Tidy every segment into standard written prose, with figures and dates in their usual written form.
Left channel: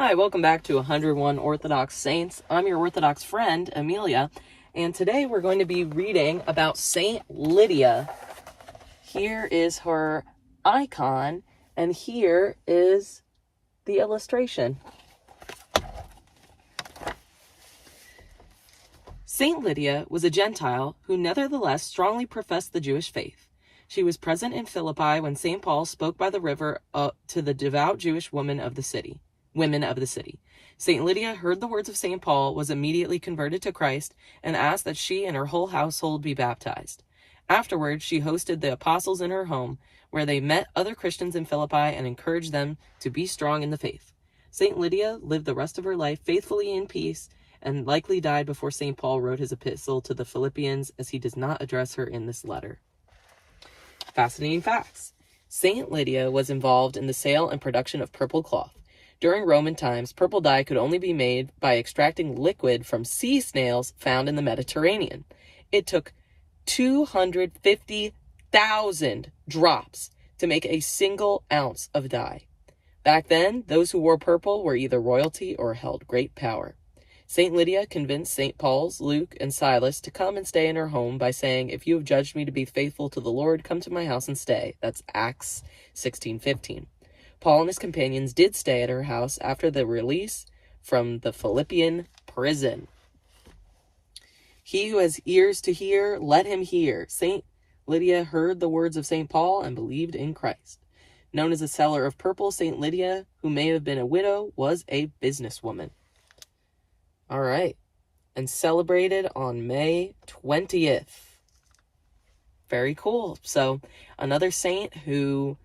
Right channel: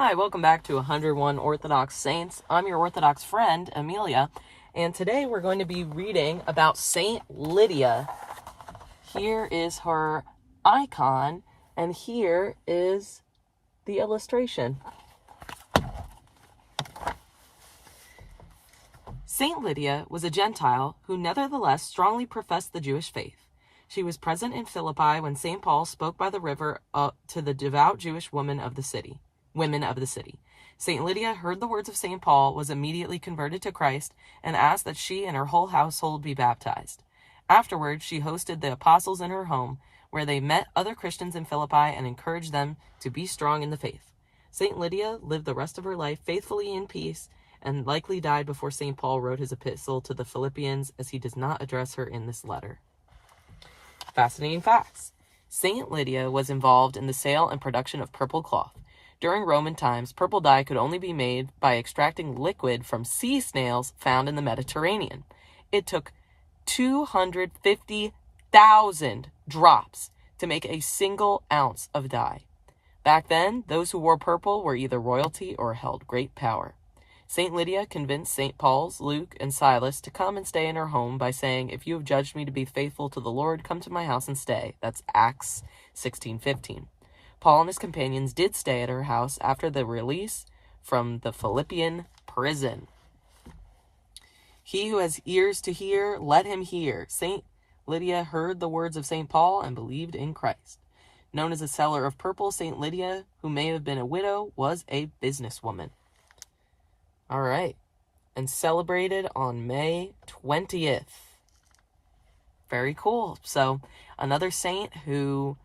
Hi, welcome back to 101 Orthodox Saints. I'm your Orthodox friend, Amelia, and today we're going to be reading about St. Lydia. Here is her icon, and here is the illustration. St. Lydia was a Gentile who nevertheless strongly professed the Jewish faith. She was present in Philippi when St. Paul spoke by the river to the devout Jewish women of the city. St. Lydia heard the words of St. Paul, was immediately converted to Christ, and asked that she and her whole household be baptized. Afterwards, she hosted the apostles in her home, where they met other Christians in Philippi and encouraged them to be strong in the faith. St. Lydia lived the rest of her life faithfully in peace, and likely died before St. Paul wrote his epistle to the Philippians, as he does not address her in this letter. Fascinating facts. St. Lydia was involved in the sale and production of purple cloth. During Roman times, purple dye could only be made by extracting liquid from sea snails found in the Mediterranean. It took 250,000 drops to make a single ounce of dye. Back then, those who wore purple were either royalty or held great power. St. Lydia convinced St. Paul's, Luke, and Silas to come and stay in her home by saying, "If you have judged me to be faithful to the Lord, come to my house and stay." That's Acts 16:15. Paul and his companions did stay at her house after the release from the Philippian prison. He who has ears to hear, let him hear. St. Lydia heard the words of St. Paul and believed in Christ. Known as a seller of purple, St. Lydia, who may have been a widow, was a businesswoman. All right. And celebrated on May 20th. Very cool. So, another saint who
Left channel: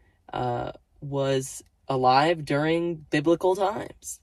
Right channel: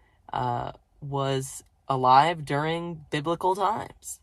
was alive during biblical times.